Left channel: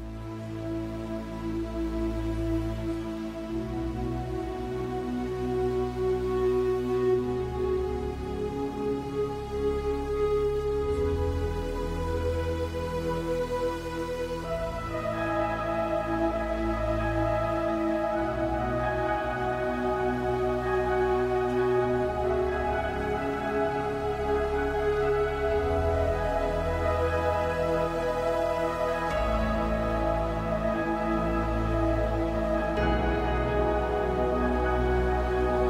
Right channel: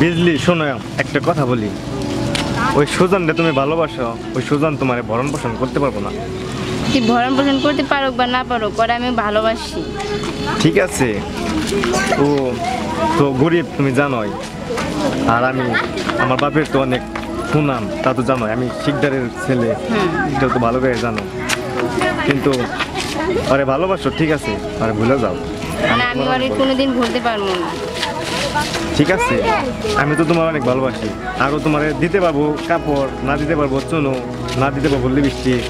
বিজলি শোনো, একটা কথা বলি, ওই সুজনটা তুমি ভালোবাসো, ওই সুজন তোমার ভরণ পোষণ করতে পারবো না। তুই ভরণ পোষণ করতে পারো বা না পারো, পরে আমি ভালোবাসি। ঠিক আছে, ও তো গরিব তুমি জানোই, আর আমি আমার বাপের তো অনেক সুনাম, তা তো জানোই, আমি শিকদারের ছেলে, এটা তো ভালো করে জানো। কিন্তু আরে ভালোবাসো, ঠিক আছে, আরে ভুলে যাও। মানে আমি ওরে কোনোদিন ভুলতে পারবো না। ঠিক আছে, আমি তো তোমার অনেক ভালোবাসি, আরও তোমার দিতে পারবো কাপড়, না দিতে পারবো চুনো, না দিতে পারবো লিপস্টিক।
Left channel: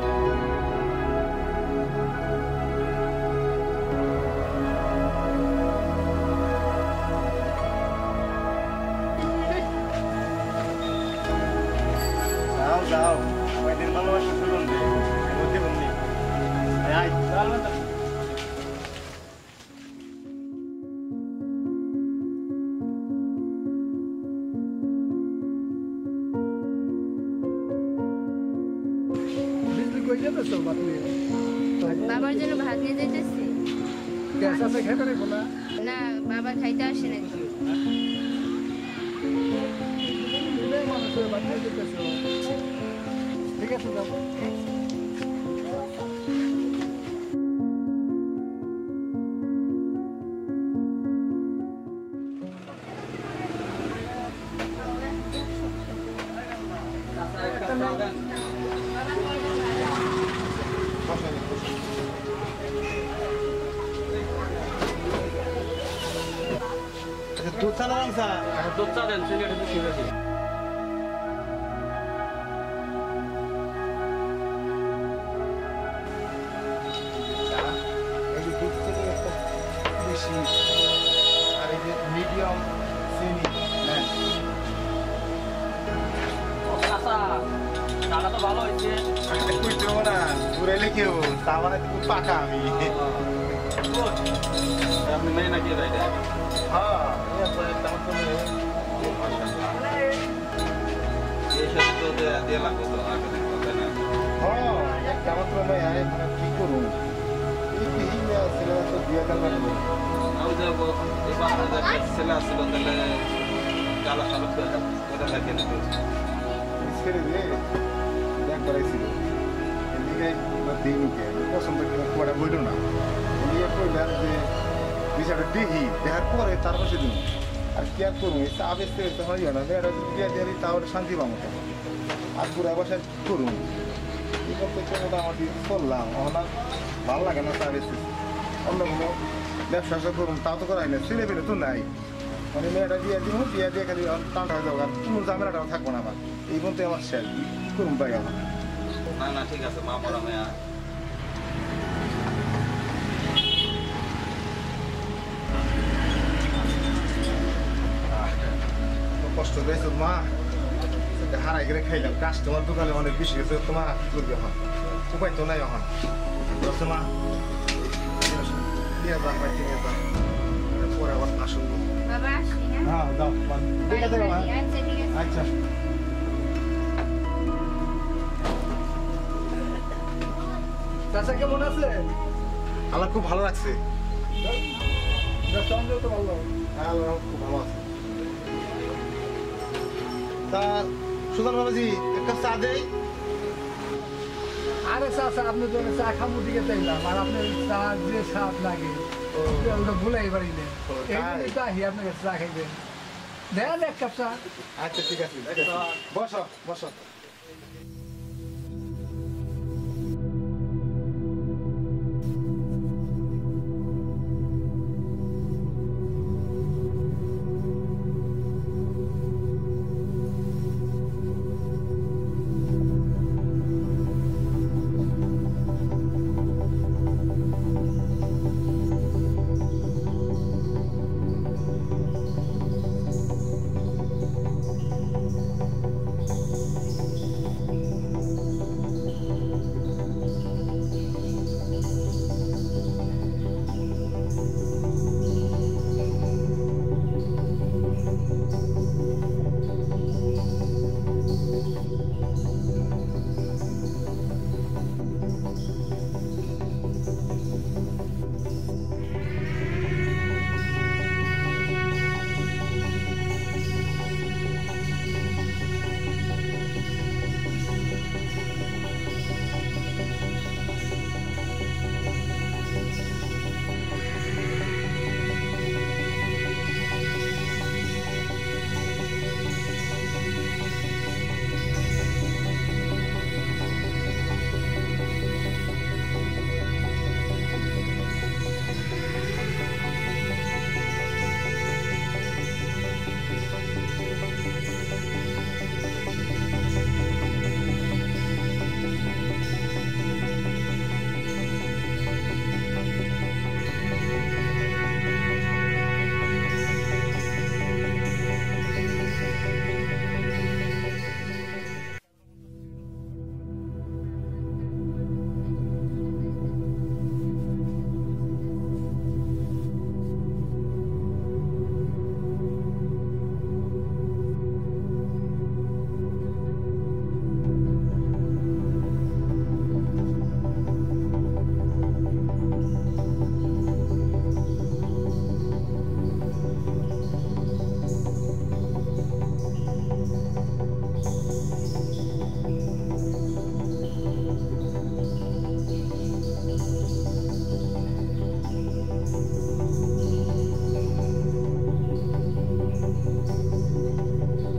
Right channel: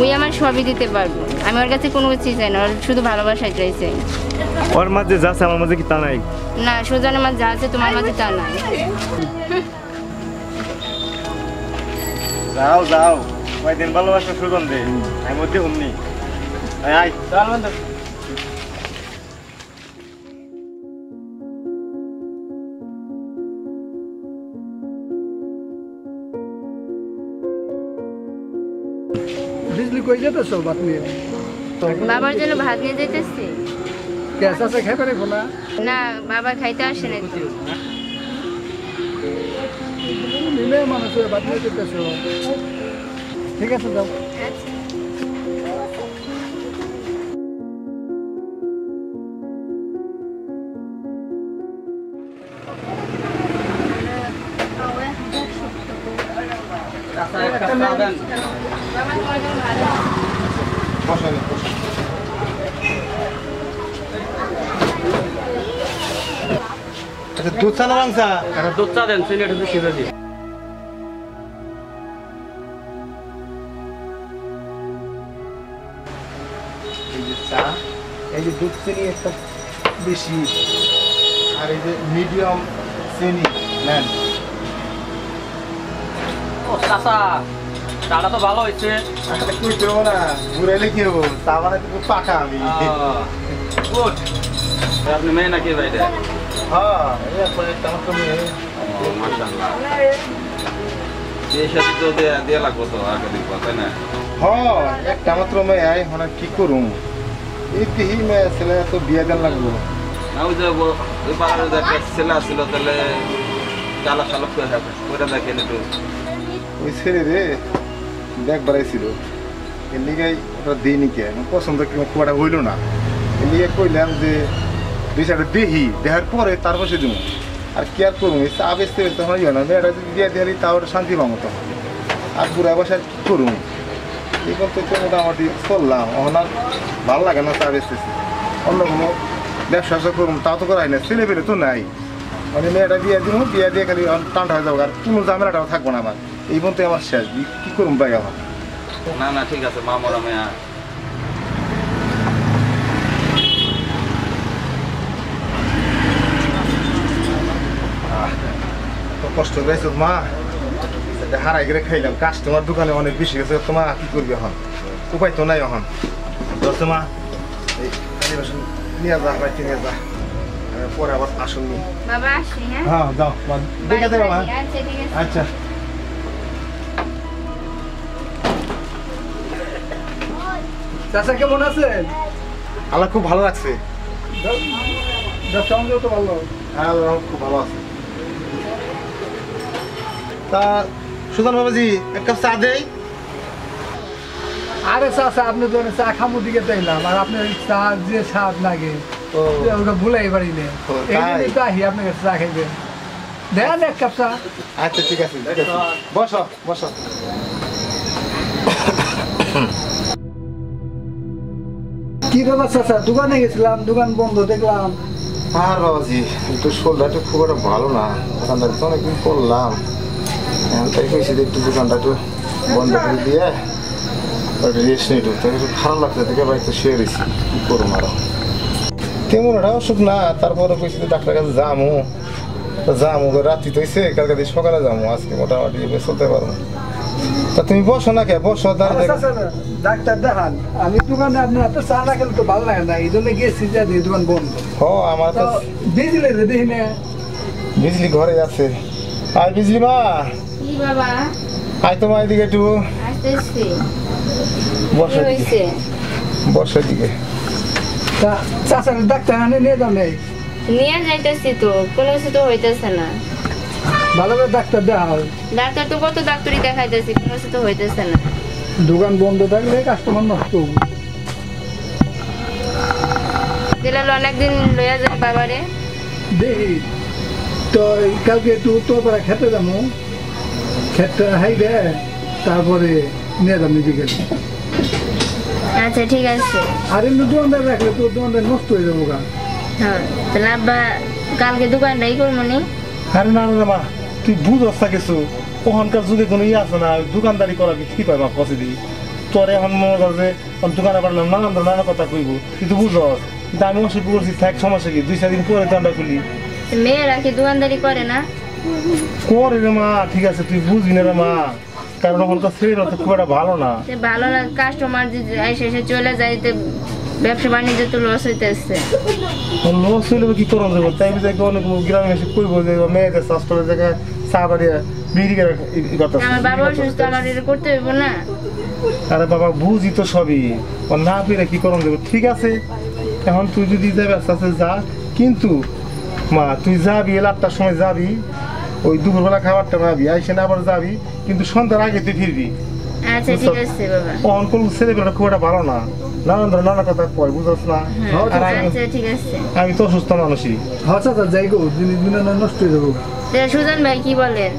ওই আমার সবই দিতে পারবো, আমি ওর কাছে কোনো কিছুই চাই না, ওর শুধু ভালোবাসাই চাইছে। ওর মাঝে যা আছে আমার মাঝে কি তা নাই? না, সুজনের মাঝে যা আছে তোমার মাঝে তা নাই। যাও যাও, কয়দিন ভালোবাসা সুজন রে, আমি মধ্যে হুমনি। আয় চল বন্ধু। बिजली कोई जाता सो बात नहीं है বাবার জন্য ভাত নিয়ে যেতেছি। कैसा से खाए करे बोला না, বাবা খাইতে আসে না তো। मिले मानो से बात नहीं जाता सो ठीक है तो जाओ আচ্ছা দুধ চা না মাংসা? দুধ চা দেন, চিনি একটু বেশি বেশি। এই যে দুধ চিনি একটা বেশি, আর এই যে মিডিয়াম চিনি নেন। ও চাচা, চাটা তো ভালো হয়েছে। কইতে হবো না, ঘুরাইলে কি হবো, তা মানে তো পাকা আমি। গুড। আপনি মেয়ে নাকি ভাইটা? হ্যাঁ, এই একটা মাত্র মেয়ে। মাশাআল্লাহ। এই সাথে তো দেয়া লাগবো তো আগে দেখবো, তাই না? হ্যাঁ, একটা মাত্র মেয়ে, এখন আর কি করুম, এই তিহি মেয়ে ছেলে তো বিয়ে দেন লাগবো। না ওই যে ওই পাড়ার যে একটা ছেলে আসছিল, তাহলে চালা সালক করে দেখেন একটু। ওই ছেলে রে দেখ বেড়াইছিল, এর লিগে দিইনি কে, পছন্দ খুব একটা হইল না, এর লিগে কইলাম যে দুই চারটা দেখি, দেখার পরে তার পাশে দিব। আর কি আর করুন, এই চা বেচতে বেচতে হয় না, মেয়েটা যদি দিয়ে দিয়ে তাও ওটা শান্তি পাবো তখন। আর বুড়া বসে কি করুন, এই বলতে তো মোটামুটি চললাম, এখন আর ভালো লাগে না চা বেচতেছি, অন্য কোনো ব্যবসা করুন তাও তো করাই না, ছেলে পেলে তো নাই। মানে মেয়েটা বিয়ে দিব, বিয়ে দিয়ে খালি টানটা হয়ে যাবো, আর কোনো ঝামেলাটাও থাকবো না আমার, এই বলতে আমার শেষ, কি করুন পাই আমার। না না ঠিক আছে, মা মরা মেয়া। কষ্ট পেয়েছো মা, হারাই গেলে খাইলাম, কাস্টমার দোকানে অনেক বেশি গেছে, তোমার কি করবি এখন, উপায় তো নাই এখন। ধরছো মা, এই নিয়ে যা, বাড়িতে নিয়ে যা, পরে আবার আসুন। বাবা আসি। হ্যাঁ হ্যাঁ যাও, দেখে দেবো মা। আচ্ছা ঠিক আছে। আচ্ছা चाचा কেমন আছেন? আল্লাহ খুব ভালো লাগছে। ব্যবসা বাণিজ্য তো ভালো। হ্যাঁ আল্লাহ খুব ভালো আছে। তা সুজন বাবাজি এক কাপ চা দেই। আরে চাচা, আপনি তো চা খামু দিকে চাইলাম, আর আপনার চা যে স্বাদ লাগে ওটা ভুলাই পারিলে, এই জন্যই তো আহি আপনার কাছে চা খাইবেন। দেন এক কাপ চা। আচ্ছা ঠিক আছে, বসো বসো। কি ব্যাপার চাচা, দোকানে গেছিলাম, দোকান বন্ধ দেখলাম। আর বাবাজি একটু শরীরটা খুব একটা ভালো না, দোকানটা তো অনেকদিন করলাম, তাই কইছি একটু দোকানটা একটু বন্ধ করে দিয়ে রেস্ট নিয়ে একটু খারাপ লাগছে, দেখে বাড়িতে শুয়ে রয়েছি, কি করবো আরো তেমন একটা অসুখ না। তারপরে কইছি ডাক্তার কাছে যামু, যামু রাত্রি তো হয়েছে, কালকে দিয়ে সকালে যাবো, আজকে মোটামুটি চলতে পারবো। তা তুমি বসো না কে, বসো। ডাক্তার দেখান, আমি দোকানে আপনি এত চা না খেলে তো ভালো লাগে না, এই জন্য গেছি যে দোকান বন্ধ। হ আমার তো বিজলি দেখি না, বিজলি ঘরে আছে। আর বিজলি মা, কি বাবা? আয় তোমার এদিকে একটু আসতেছি। বসো, কি হইছে? বসো এদিকে। তা চাচার ডাক্তার আনে নিয়ে যাবে। নিয়ে যাইতেছি তো, কোনো কিছু তো হইতেছে না। ভালো করে ডাক্তার দেখাও। ডাক্তার তো কত ডাক্তারই দেখাইতেছি, কোনো কিছু তো হইতেছে না। দোকান বন্ধ থাকলে কাস্টমার নষ্ট হবে। দিলাল অনেকদিন লইয়া যায় বাবারে। দেখি তো কালকে একটু উত্তর করে খেতে যাবো, খেতে হাইবে তারপরে নিয়ে যাবো বিকেল। আচ্ছা ঠিক আছে। আর এমনি দোকানদার রাখলে তো দোকানদার নষ্ট হয়ে যাবো গা। হ্যাঁ তাহলে আব্বা কালকে দোকানটাই করবো নি। আরে না না মা, তুই বুঝস না কিছু, ওখানকার যদি কোনো ইয়ে আছে না, দোকানদারি করা কি পাই মা পসিবি। তোর এখন মনে কর যে দোকানে পারলাম নানা কথা কইব, কিন্তু বুঝস কিন্তু আমি ওষুধ বলছি থাক, সমস্যা কি 2-4 দিন পরে দোকানটা খুলি। মেয়েরা কি দোকানদারি করে না? করে রে মা, ঠিক আছে তুই বুঝবি না রে মা, কারণ ওখানকার ছেলেরা তো খুব একটা ভালো না। ভালো না, কাস্টমার যদি এসে চলে যাইতে ব্যবসা বাণিজ্য তো লস হইতেছে। লস হইলে কি করন যাবো, তাই বুঝে অনেক গ্রামে এসে কইব যে মেয়েদের স্বাস্থ্যের জায়গায় চা বাড়িয়ে বিড়ি কথা। আমার বাবা অসুস্থ, আমার এটা করতে হইব না। আরে বাবা বুঝি তো সবই, না পেরে কি করন যাবো। ঠিক আছে এখন তুই যদি যাবি আস্তে আস্তে যা, কিন্তু মা তুই যাবি 8টার সময় যাবি, ওই দুপুরবেলা খাবারটা খাবি, আইসে না আবার যাবি, কিন্তু সন্ধ্যার আগে তুই ফিরবি। আচ্ছা ঠিক আছে বাবা। অন কোন ছেলেবেলা খুব একটা ভালো না, নানা কথা কয় বুঝছ না। আর আচ্ছা ঠিক আছে। আমি তো অসুস্থ মানুষই। আচ্ছা আচ্ছা যাই গো, জিনিস নষ্ট হয়ে যাবো। সুজন ভাই কি বলেন?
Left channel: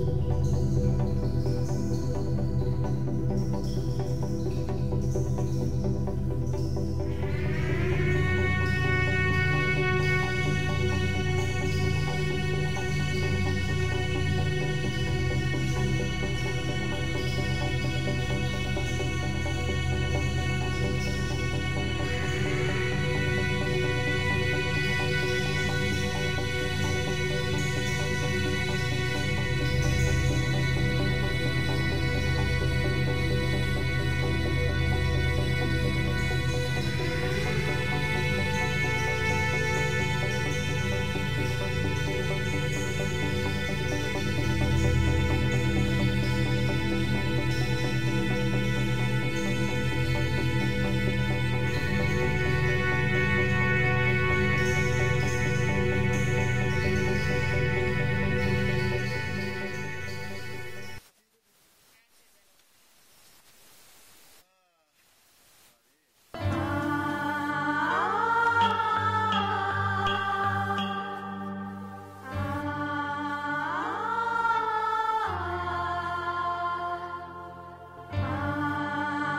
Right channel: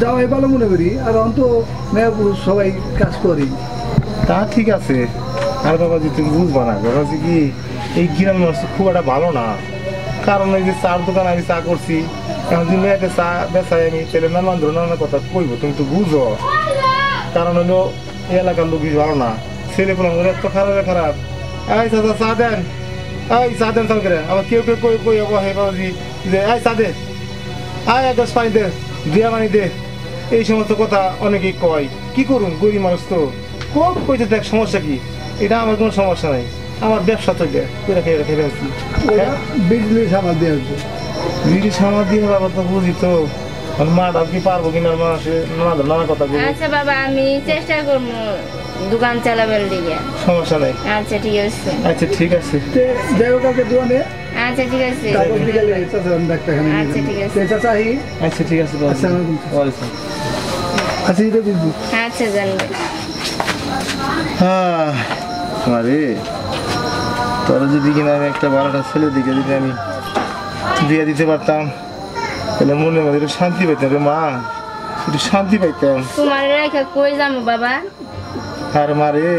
যাওয়াই ভালো মনে করি, আর অন্ত মেয়ে পুরুষ সবাই কাজ করি। তা ঠিক আছে। আর বাবাজি তুমি বুঝবা না, বাবাজি কি এই গ্রামের মানুষ খুব একটা ভালো না, কারণ এই যে চার দোকান আমি চা করছি, এখন তুমি মেয়েকে চা বেচাই আমি ছেলে নানা কথা কইব, তুমি তো বুঝো। কারণ হলো এই এলাকার লোক ভালো না, ছেলে বললাম এত খারাপ। এই চাচা চা দেন, এই চা দেন তার করে। আবার কেউ কই হে বাবাজি যে এই চা দে, আয় 10 পানি দে, দিয়া পানি দে, এই সমস্ত কথা অনেকেই কয়। কি করুন, গরিব মানুষ তো খুব কইতে দেখ, সমস্যা কি? এটা আমার কোনো সমস্যা নাই, আমার ব্যবসা তো বিজলি সামাল দিয়ে আসবো। বিড়ি সামাল দিয়ে বাবা তো বুঝি তো, মাটা কি পারবো কিনা মানুষে নানা কথা বলবো। আচ্ছা বাবা আমি চেষ্টা করবো দোকান চালাবেন দিকে। সমস্যা নাই। আচ্ছা ঠিক আছে। আচ্ছা ঠিক আছে। যাই হোক কালকে দোকানে আচ্ছা ঠিক আছে। তারপর বিকেলে ডাক্তারখানে। আচ্ছা ঠিক আছে। চাচা আহি। আচ্ছা ঠিক আছে। আচ্ছা এটা বুঝবো। আচ্ছা জানবে। আরে তোরা যদি কিনা আমি একটা বারোটা ছেলে দিকে যদি আমি বিয়ে দিতে পারতাম, তাহলে মনে মনে একটু শান্তি পাইতাম রে মা, একটু শান্তি পাইতাম। তোমার রেখা কই যাবো বাবা? আরে মা রে,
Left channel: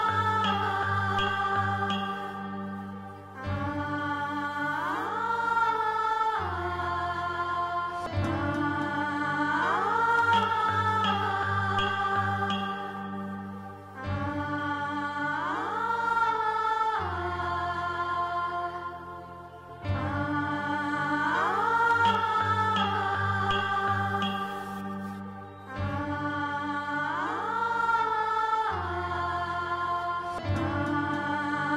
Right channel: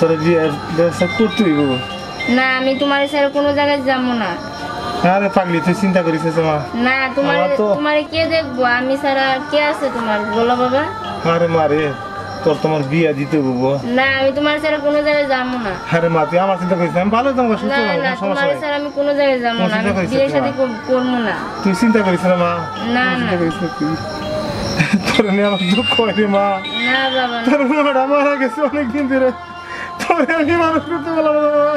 তোরা বিয়ের ব্যবস্থা করতে হইব। না আমি তোমার ছাড়া কোনো জায়গায় যাবো না। আরে পাগলি তুই চিন্তা করিস মা। না তোমার কে দেখবো, আমি ছাড়া কে আছে তোমার, বলো বাবা। আরে মা রে, তোমার বিয়ে দিতে হবো। না আমি তোমার ছাড়া কোনো জায়গায় যাবো না। আরে মা তুই আমার চিন্তা করিস না, আমি ভালো তোমার সুস্থ না না সমস্যা তোমার নাই। ছাড়া আমি কোনো জায়গায় যাবো না, আমি বিয়ের সাথে করবো না। তুই চিন্তা করিস না মা। না না তোর নিয়ে আমার দুঃখ হয় রে মা। না বাবা তোর মাটা মারা গেছে অনেকদিন ধরে, তোর আমি মানুষ করতে পারলাম না মা,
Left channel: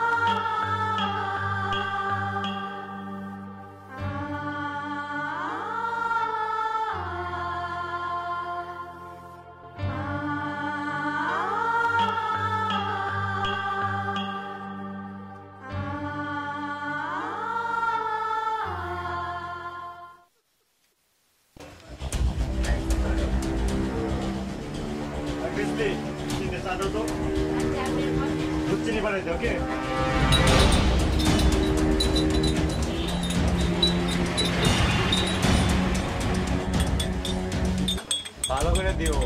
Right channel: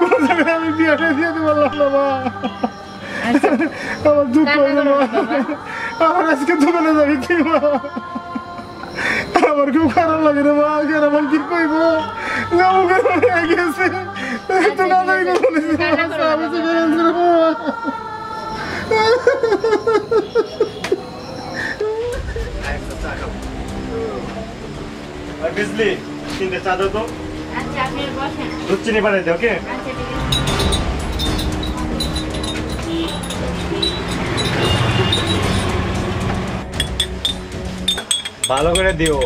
কোনো জায়গায় আমি বিয়েটা দিয়ে দিতে পারলাম না মা। আমার দুঃখ হয় না মা, আমার আজকে দোকানে যাবি কি মা, আমার খুব খারাপ লাগে রে মা। আমার কি কইব গেছে তো না যাই বিজলি তিনটে চা দাও তো। আচ্ছা আপনি বসেন। দুধ চিনি বাড়াইতে ওকে। আচ্ছা ঠিক আছে। ভালো করে দিও।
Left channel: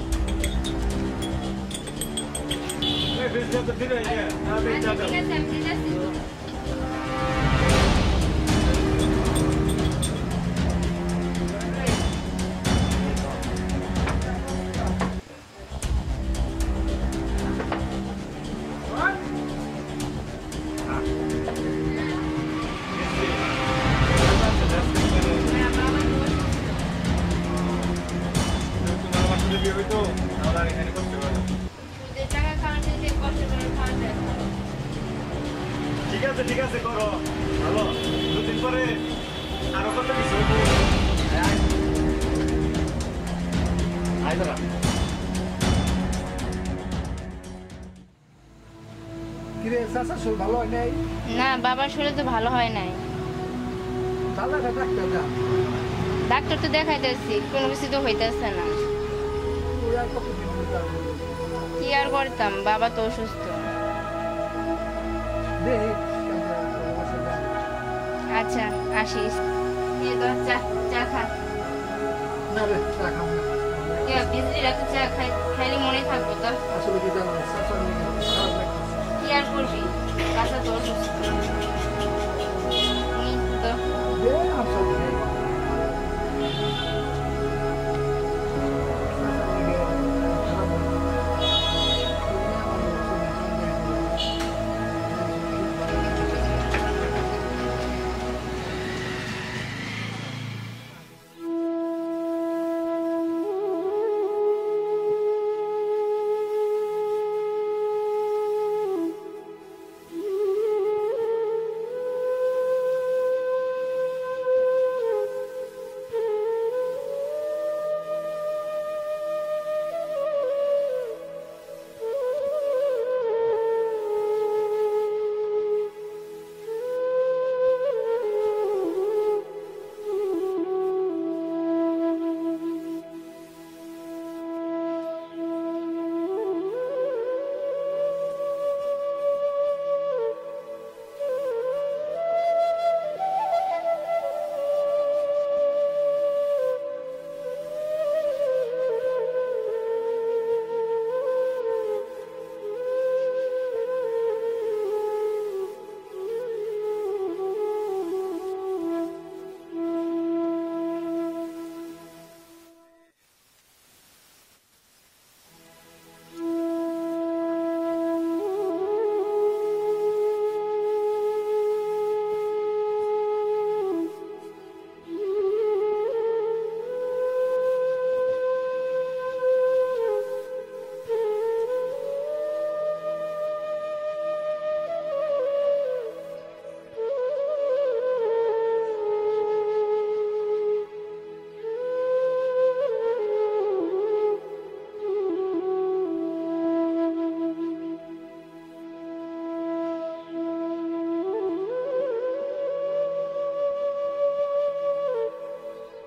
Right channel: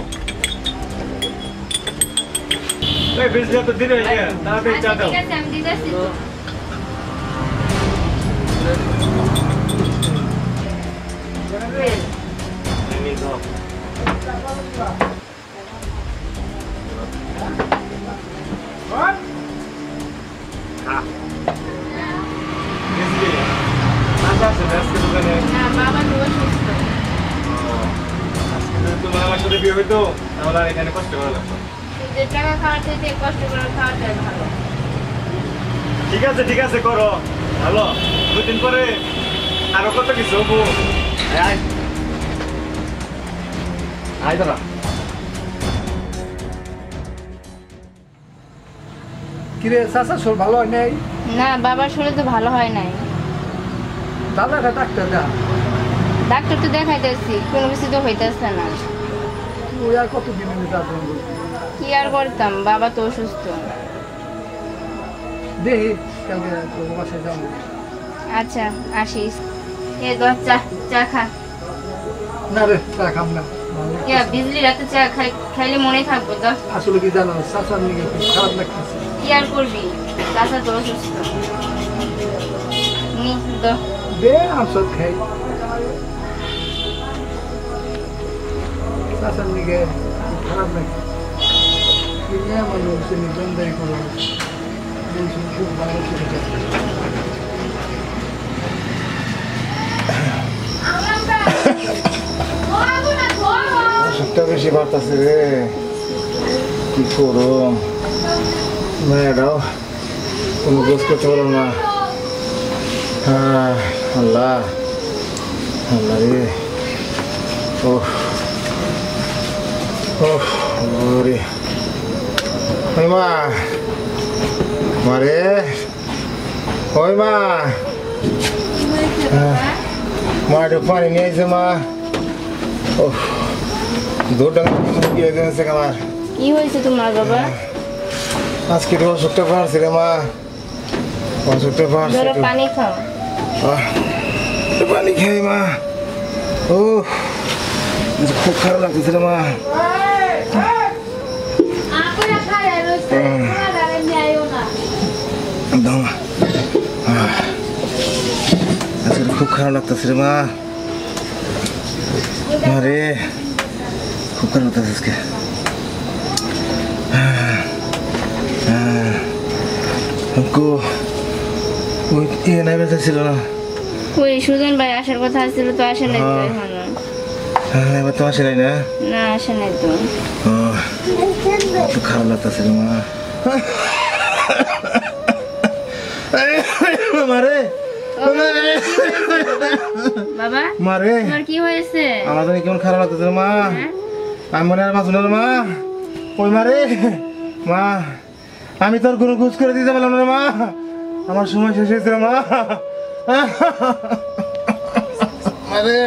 এই বিজলি তো দিন হয়ে গেছে, তাড়াতাড়ি চা দাও। ঠিক আছে আমি দিতেছি তো। না বাবা তো অসুস্থ। তোমার আমার সাথে বিয়ে হইতো তাহলে আর এখানে কষ্ট করা লাগতো। যে টাকা খাওয়ার থেকে কষ্ট করে খাওয়াটাই ভালো। ঠিক আছে করো ভালো। 2 দিন পরে আরো কত কিছু হবো। আয় আয় দাঁড়া। কিরে চাচা শোল ভালো হয় নাই? না বাবার শরীর তো ভালো হয় নাই। দাদা একটা ডাক্তার দেখা ডাক্তার তো দেখাইতেছি কোনো কিছু তো হইতেছে না। ওই আর কতদিন আমি যাবো কি আর করতাম, বাবা তো অসুস্থ। দেখি কালকে তোর বাসায় যাবো। আচ্ছা আসিস। এ তো চা চা খা। না রে চা খাম না কে বিজলি রাতে চা খাইলে মনে থাকবো তো। আসলে কি জানো চাচার নিয়ে খুব খারাপ লাগতেছে। কি আর করবি, চাচা তো অসুস্থ। নি তো দে আমসব খাই চাচার নিয়ে খারাপ লাগে কি নিয়ে মানুষ জমদারি করে খুব বাইরে চলে যায়। ওষুধটা বেশি বাড়তেছে রে, কি করো মেয়েরাও কোনো গোস করতে পারো না। আল্লাহ আল্লাহ রে, ও রে ওই মা, মারে ওই মা, মা একটু পানি নিয়ে এসে মা। ও দুধটা আমার কি হয়েছে তোমার বাবা? আজকে তো অসুখটা পারছি রে মা, অসুখটা পারছি। ধরো পানি খাও। পানি খাই মা। ও খুব খারাপ লাগতেছে রে মা। আজকে খুব খারাপ লাগতেছে রে মা। আরে খুব খারাপ লাগতেছে আজকে। ছিল না ওই সুজন ভাই আসার কথা ছিল তো আসে নাই তো এখনো। এবার তো আসে নাই না? না আসে নাই তো। একটু খারাপ লাগতেছে রে মা। মারে বাবা মারে তোমার কি হয়েছে? আমার জানি কেমন খারাপ লাগতেছে মা। আমি মনে আর বাঁচব না মা। ওই মারে মা, আমি তোর কোনো খোঁজ করে দিতে পারলাম না মা। আমার সময় শেষ হয়েছে মা। আরে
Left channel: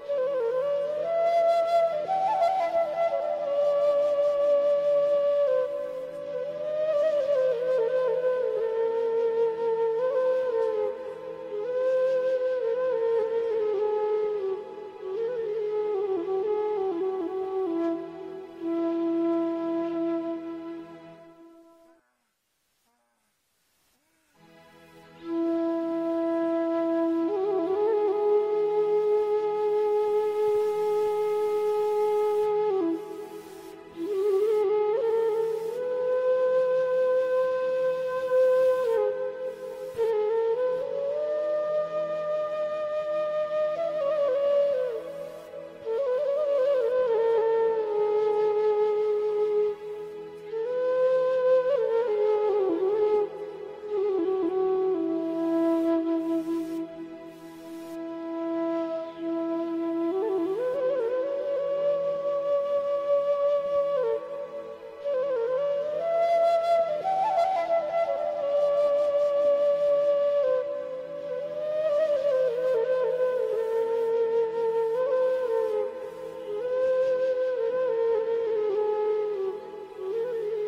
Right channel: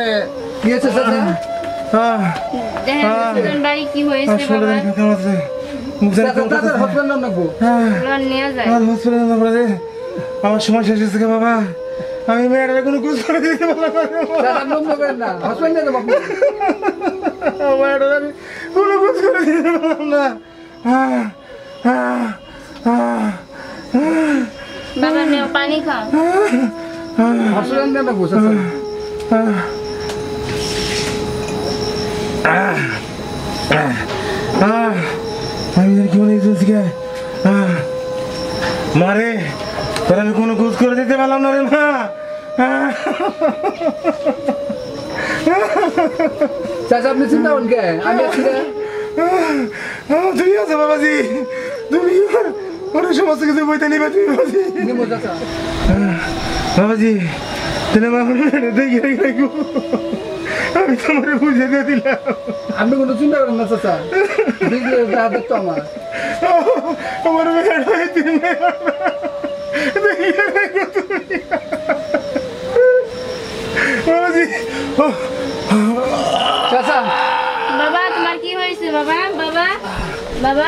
কি আছে চাচা? দেখেন সুজন ভাই কি হয়েছে বাবা? চাচার হসপিটাল নাম নাকবো। ওরা নিয়ে যায়। আমার সময় শেষ হয়েছে বাবা। আমি মেয়েরা কোনো খোঁজ করে দিতে পারলাম চাচার নাম নেবেন না, হসপিটাল নিয়ে যাবো। মেয়েরা আমি কোনো খোঁজ করে দিতে পারলাম না। বাবা নেও পানি খাও। হসপিটাল নিয়ে যাবো চাচা। আমি কি মনে হয়েছি মারে, তোর আমি কোনো খোঁজ করে দিতে পারলাম না রে মা। চাচা আপনি চিন্তা করেন কে? আমি আছি না। তুমি আছো বাবাজি, তুমি অনেক সমস্ত কিছু বইতে নিবে তুমি বাবাজি। নিবো চাচা। বাবাজি তাহলে মা দেখি আমি তোমার বুঝে দিয়ে দিলাম। আপনি কোনো চিন্তা করেন না চাচা, দেখতো আমার আমার মেয়ের তুমি বাবাজি। চাচা বাবা তোমার কি হয়েছে বাবা? বাবা বাবা